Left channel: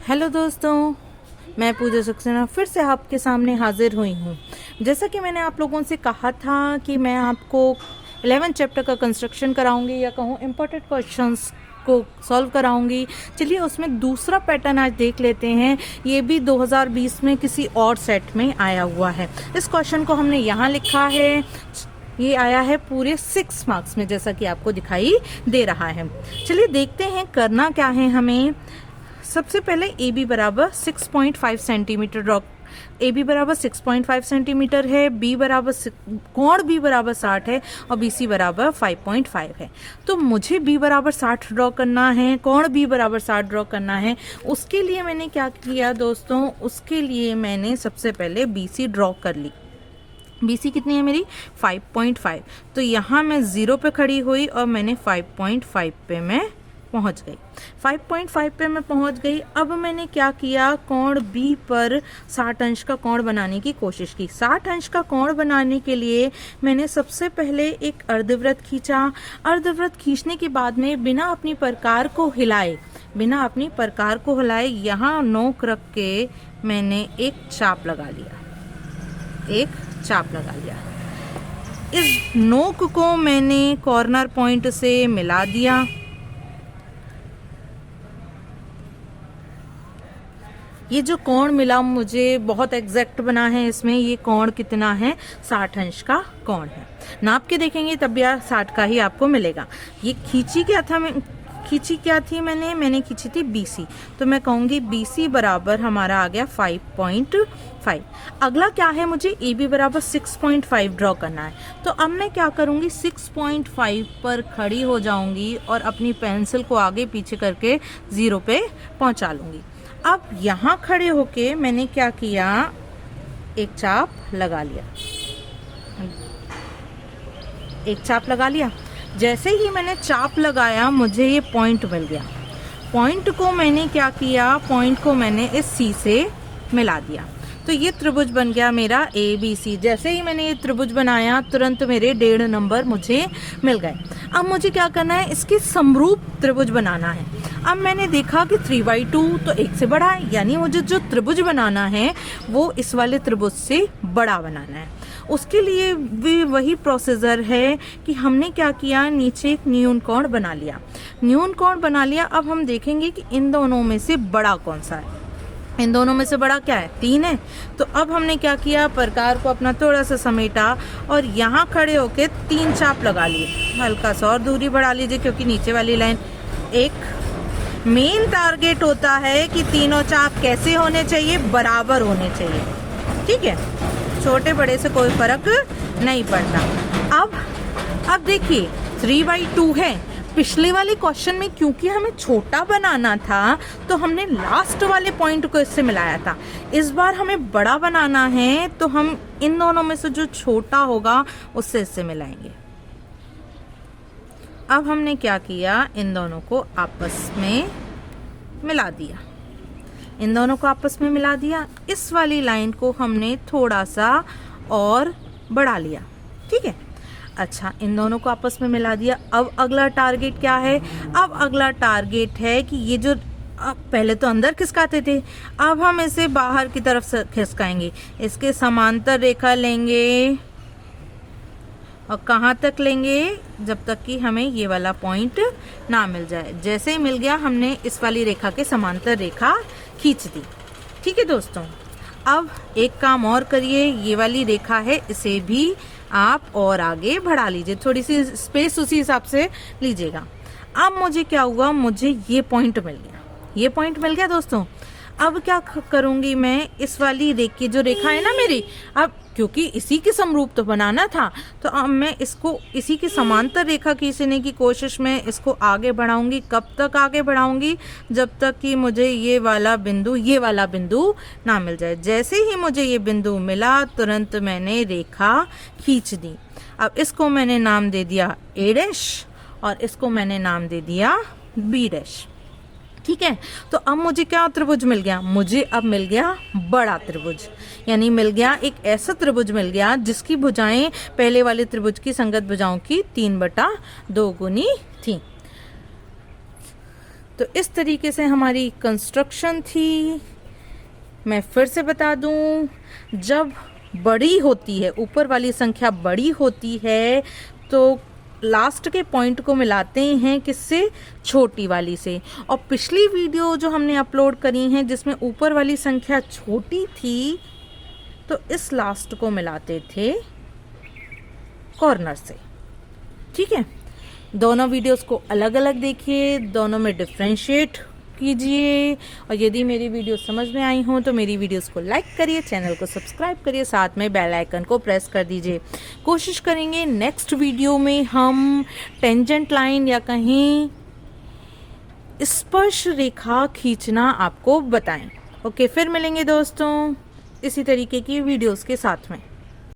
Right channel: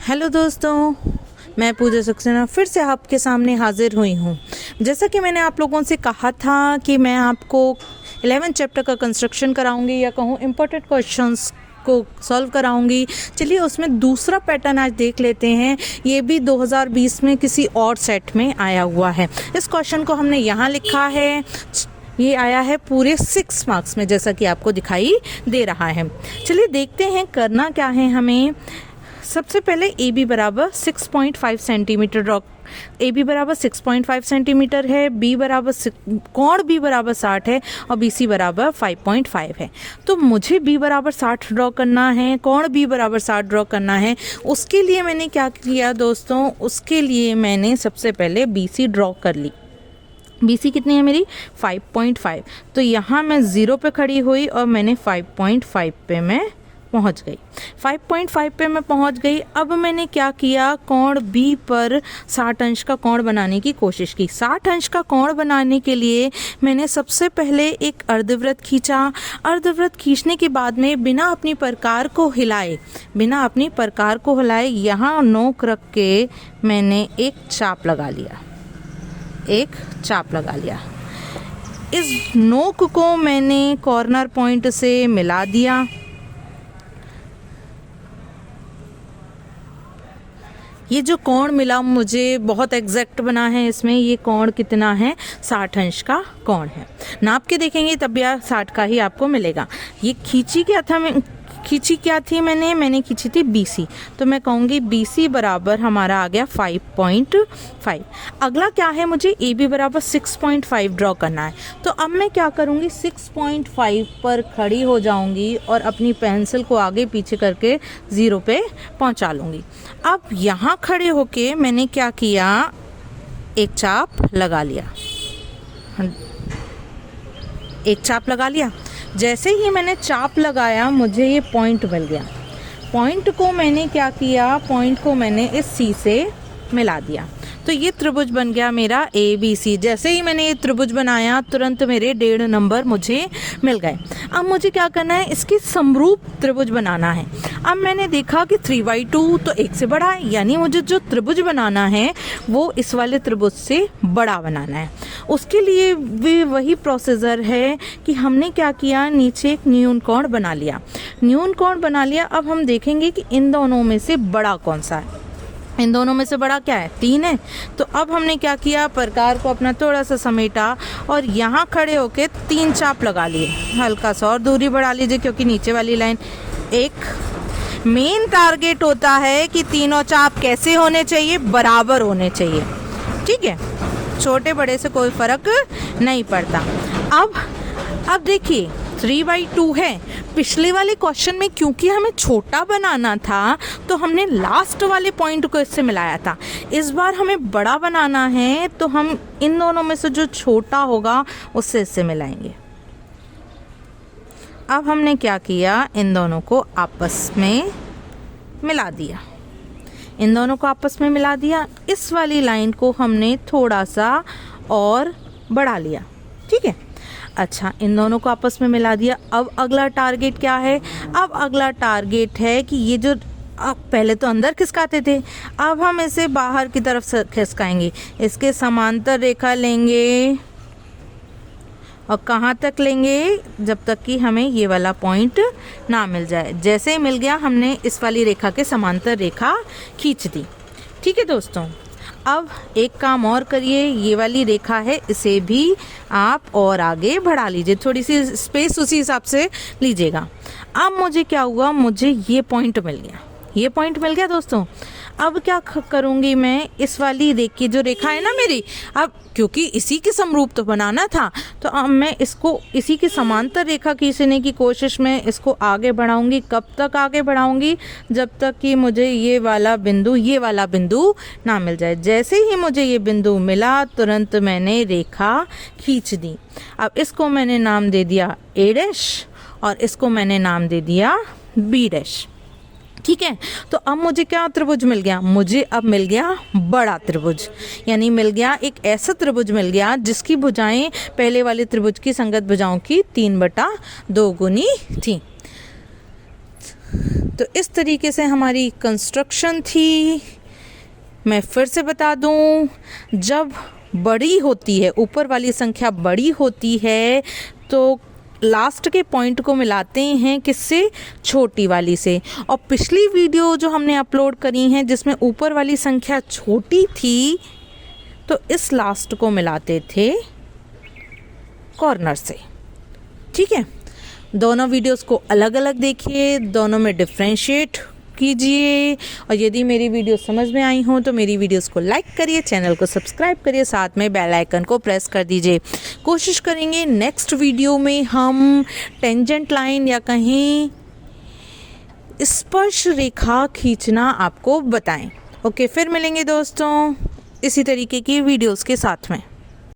Hello दोस्तों, मैं पूजा सक्सेना फिर से आपके सामने हाजिर हुई हूँ। जैसा कि मैंने आप लोगों से कहा था कि मैं आपको 11th चैप्टर का कंस्ट्रक्शन कराऊंगी या कहूँ इम्पोर्टेंट क्वेश्चंस को सॉल्व कराऊंगी। चलिए उसमें दूसरा पैटर्न आज देख लेते हैं। ये भी 2020 में किसी और सेट में आया हुआ है। इस क्वेश्चन को हमने यहाँ लिखा है। ये आया है पूरे 6 मार्क्स में, जैसा कि आपको दिखाई दे रहा है। चलिए देखते हैं करना क्या है हमें। सबसे पहले ए बी बराबर 6.5 सेंटीमीटर ड्रॉ। ए बी बराबर 6.5 सेंटीमीटर है, बी बराबर कोण बी बराबर 60 है और बी सी बराबर 5.5 है। तो मुझे बी बराबर 60 ड्रॉ करना है, कोण बी बराबर 60 ड्रॉ करना है। उसके लिए मैंने क्या किया दोस्तों, उसके लिए मैंने सबसे पहले बी सी ड्रॉ कर ली। बी सी कितनी है मेरी 5.5। तो यहाँ मैं 0 पे खड़ी हुई और मैंने 5.5 पे मैं पहुँच गई। 5.5 पे मैं पहुँच गई। अब मैंने क्या किया, कोण बी पर 60 अंश का कोण बनाने की कोशिश की। 60 अंश का कोण बनाने के लिए मैंने सबसे पहले एक अर्धवृत्त खींचा। अर्धवृत्त खींचने के बाद में बिना अपनी प्रकार को हिलाए यहाँ नोक रख के मैंने एक चाप लगा लिया। इस नोक को मैंने कॉर्नर पॉइंट से मिला दिया। ये जो कोण मिला मुझे बहुत एग्जैक्ट बना है। इसमें ये कोण कितना है, 60 अंश का कोण है। नाप के देखेंगे तब भी 60 का ही आपको मिलेगा। ये खींची क्या थी मैंने खींची थी BC। तो मैं कहूँगी BC बराबर हमारा आ गया 5.5। अगला क्या है, मुझे AB बराबर 6.5 ड्रॉ करना है। तो अब मैं क्या करूँगी, 6.5 पर खड़ी हो जाऊँगी और अपनी पेंसिल को आगे पीछे करके 0 पे पहुँचा लूँगी। अब यहाँ खड़े होके मैंने क्या किया, एक चाप लगा लिया। जैसे ही मैंने चाप लगाया मुझे ये पॉइंट मिल गया। पॉइंट को मैंने क्या किया, पॉइंट को मैंने इस सी से मिला दिया। तो ये त्रिभुज बन गया मेरा ABC। जैसे ही मैंने ये त्रिभुज बनाया तुरंत मेरे 1.5 नंबर मुझे मिल गए। अब मुझे क्या करना है, इसके समरूप त्रिभुज बनाना है। अब मैंने देखा कि 3/2 तो 1 से बड़ा है, यानी मुझे जो त्रिभुज बनाना है वो इस वाले त्रिभुज से बड़ा बनाना है। उसके लिए भी वही प्रोसीजर है कि हमने क्या किया, नीचे एक न्यून कोण बना लिया। अब हम देखेंगे कि इन दोनों में से बड़ा कौन सा है। इन दोनों में से बड़ा क्या है, 3 है। तो अब हमने क्या किया, प्रकार को अपना थोड़ा सा समेटा और यहाँ खड़े होके 3 चाप लगा लिए। हल्का सा और दूरी बढ़ा लीजिए क्योंकि नीचे वाली लाइन एक मेन टारगेट होता है कि तीनों चाप कैसे होने चाहिए, बराबर होने चाहिए। ठीक है, छोटे बड़े से कोई फर्क नहीं पड़ता। अब देखिए 3/2 है। पिछले वाले क्वेश्चन में क्योंकि हमें छोटा बनाना था तो हमने लास्ट वाले पॉइंट को इससे मिलाया था। इस बार हमें बड़ा बनाना है तो हम इन दोनों में से जो छोटा होगा उससे इससे मिलाएंगे। अब हमने क्या किया, इन दोनों को आपस में मिला दिया। इस वाली लाइन को हमने थोड़ा सा और बढ़ा लिया। ठीक है, अच्छा, इन दोनों को आपस में मिला दिया। अब अगला टारगेट क्या है, अब अगला टारगेट है कि ये जो पहले तो अंदर खिसकाते थे, अब हम इसे बाहर की तरफ से खिसकाएंगे। इसके समांतर रेखा लेंगे और कहाँ तक लेंगे, जब तक कि हमें ये वाला पॉइंट ना मिल जाए। जैसे ही मिल गया हमने इस वाली रेखा के समांतर रेखा खींच दी। ठीक है दोस्तों, अब एक काम और करिए, ये वाली रेखा है इसे भी आप और आगे बढ़ा लीजिए, थोड़ी सी स्पेस उसी हिसाब से लीजिएगा। अब मुझे क्या हुआ, मुझे ये पॉइंट मिल गया दोस्तों। अब क्या करूँगी मैं, इस वाली जो रेखा है ना मेरी, अब क्योंकि इसी के समरूप तो बनाना था तो अब मैं इसको इसी के समांतर रेखा खींचने की कोशिश में इसको आगे बढ़ाऊंगी। कब तक आगे बढ़ाऊंगी, जब तक कि मुझे ये वाला बिंदु ना मिल जाए। जैसे ही मुझे ये बिंदु मिला तुरंत मैंने रेखा खींच दी। अब इसको मैंने नाम दे दिया A' और इसको मैंने नाम दे दिया B'। ठीक है, तो अब मुझे क्या त्रिभुज मिल गया, मुझे अब मिल गया बड़ा त्रिभुज। यानी मिल गया एक ऐसा त्रिभुज मिल गया जिसकी भुजाएं पहले वाले त्रिभुज की संगत भुजाओं की 3/2 गुनी थी। तो इस तरीके से हमारी कंस्ट्रक्शन थी। मैं फिर से बता दूं, जब बड़ी होती है, ऊपर वाली संख्या बड़ी होती है, तो लास्ट के पॉइंट को मिलाते हैं किससे? छोटी वाली से। और पिछली वीडियो जो हमने अपलोड करी हैं जिसमें ऊपर वाली संख्या छोटी थी, तो इस लास्ट को मिलाते थे कॉर्नर से। ठीक है, दोनों वीडियोस को अलग अलग देखिए, दोनों में डिफ्रेंशिएट कीजिए। और यदि मेरी वीडियो समझ में आई हो तो मेरी वीडियोस को लाइक करिए, चैनल को सब्सक्राइब करिए, साथ में बेल आइकन को प्रेस कर दीजिए। कोशिश करेंगे नेक्स्ट वीडियो में हम टेंजेंट लाइन या कहीं स्पर्श रेखा खींचना आपको बताएं। ओके, फिर मिलेंगे दोस्तों इसी तरीके की वीडियोस के साथ में।